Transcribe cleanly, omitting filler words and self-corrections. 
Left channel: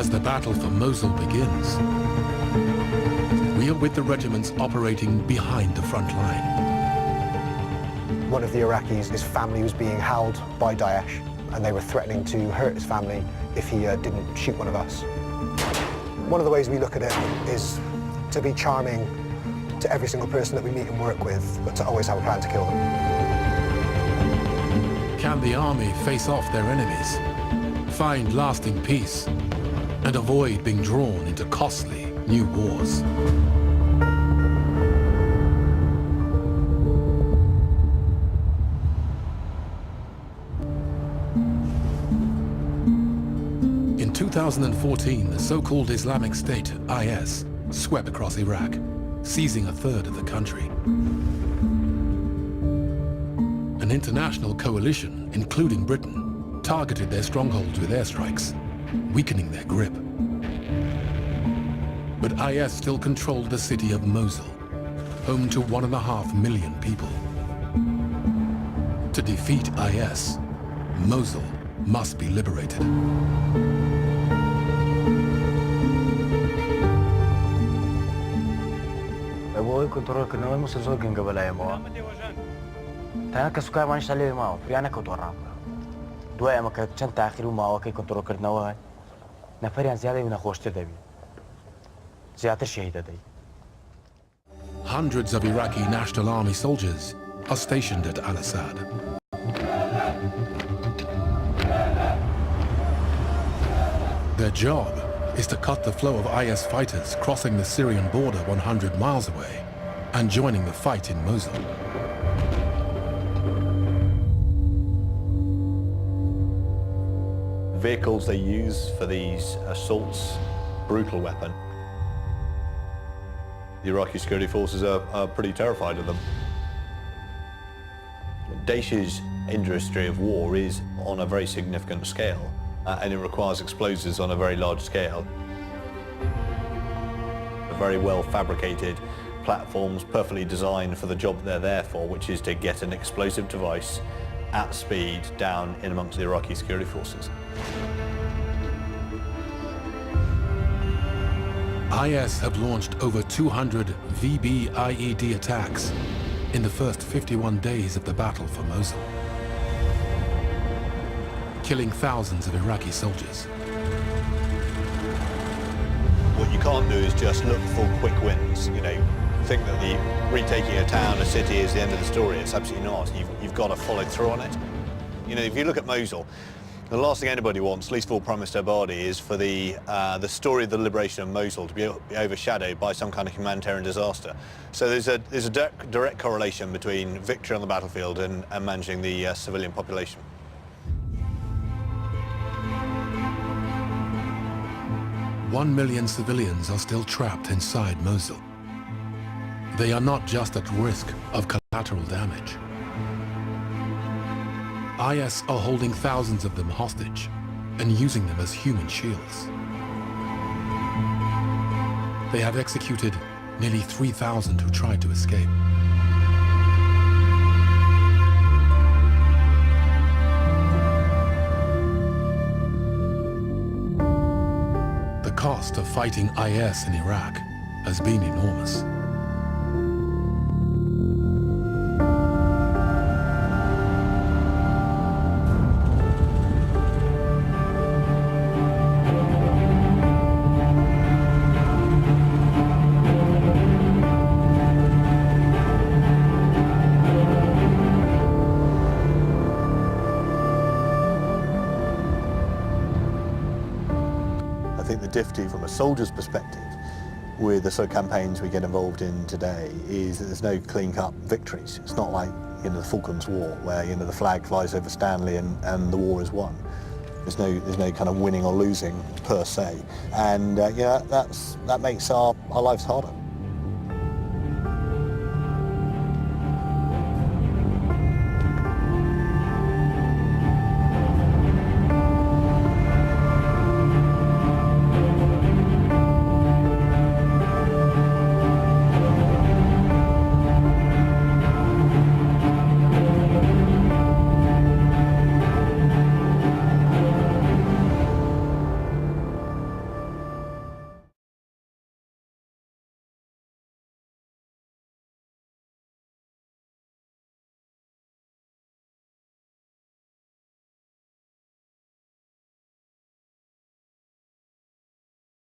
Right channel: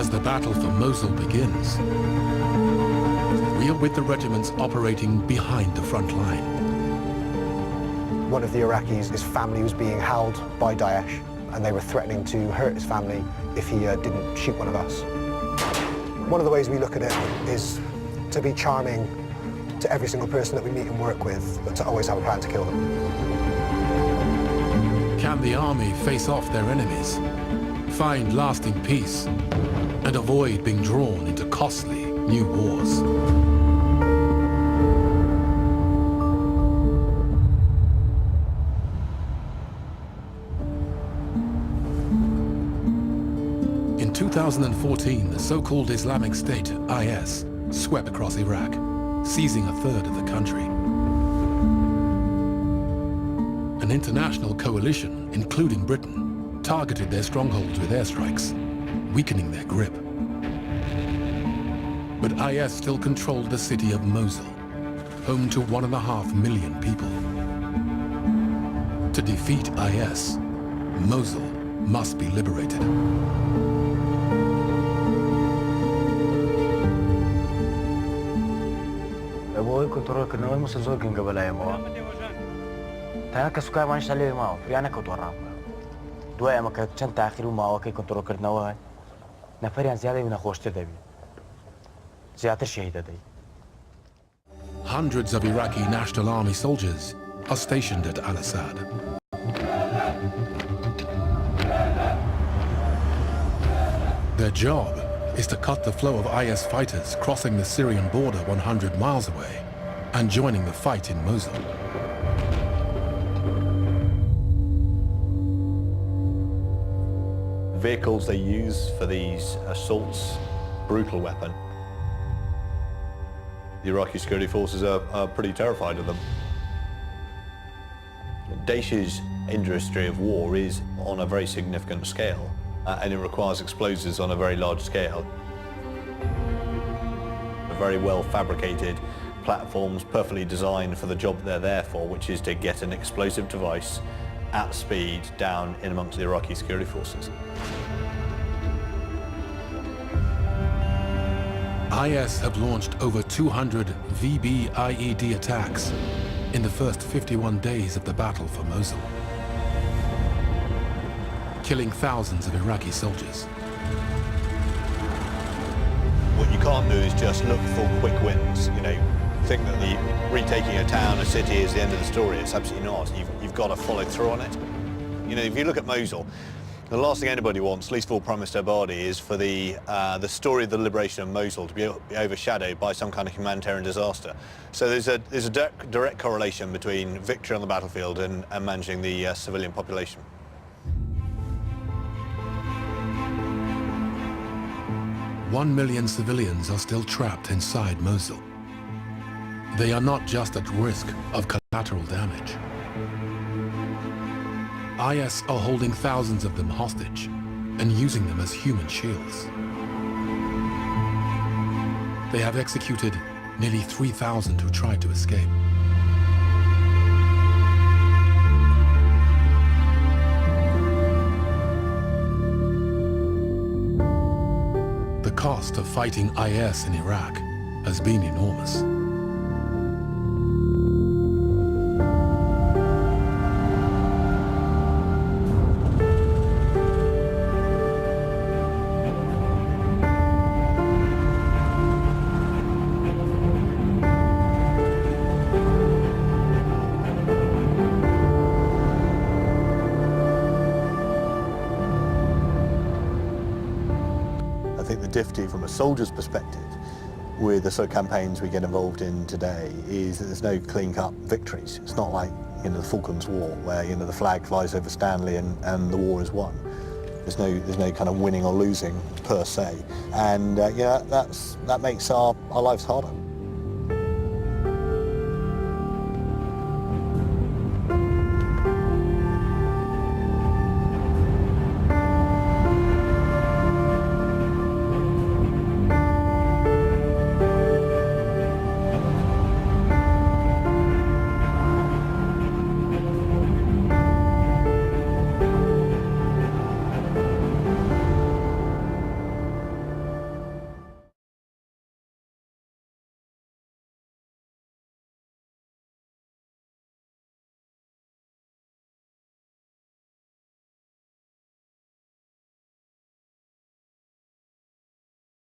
As the battle for Mosul begins, we are with the regiments operating behind the front line. One of the Iraqis, his family was being held by Daesh, and they were threatening to hurt his family if he didn't shoot one of us. One of the ways we look at it is to be charming to every single person that we meet and work with, but to always have a plan to kill them. Can the army face off their enemies, find lasting peace, and avoid being drawn into costly new wars? In 2014, the so-called Islamic State, IS, swept across Iraq, seizing a third of the country. An international coalition, including Britain, targeted their strongholds with airstrikes, weakening their grip. But IS still controlled the city of Mosul, home to 1.5 million people. To defeat IS, Mosul must be liberated. أبوي كنت روح كنا وين مسلسل كن قبل أيامه. تانا كسكاي ما نشتغل معه فريانا كتورام. دواء ما كنت شن تأخير معه كي كنت روح كنا وين. نفريان زيادة من خوشت دبي. زيادة شهيد دبي. Hundreds of Iraqi National Army soldiers are stationed at Al-Assad. Their job is to cut the flow of IS fighters crossing the Syrian border 100 miles away and joining the fight in Mosul. Vehicles they use for these assaults, brutal weapon. The Iraqi security forces are pretty terrified of them. Daesh's industry of war is on a very significant scale, and it requires explosives on a very large scale. Very well fabricated platforms, perfectly designed for the job they're there for, which is to get an explosive device at speed down in amongst the Iraqi security forces. IS have launched over 200 VB-IED attacks in the first 51 days of the battle for Mosul, killing thousands of Iraqi soldiers. What you can't do is just look for quick wins, you know, think that the retaking a town, a city is the end of the story. It's absolutely not. You've got to follow through on it. You know, if you look at Mosul, the last thing anybody wants, least of all Prime Minister Abadi, is for the story of the liberation of Mosul to be overshadowed by some kind of humanitarian disaster. So there's a direct correlation between victory on the battlefield and managing the civilian population. One million civilians are still trapped inside Mosul. They are not just at risk of collateral damage. IS are holding thousands of them hostage and using them as human shields. They have executed nearly 3,000 who tried to escape. The cost of fighting IS in Iraq has been enormous. I think the difficulty from a soldier's perspective with the sort of campaigns we get involved in today is that there's no clean-cut victories. It's not like, you know, the Falklands War, where, you know, the flag flies over Stanley and the war is won. There's no kind of winning or losing per se, and that makes our lives harder.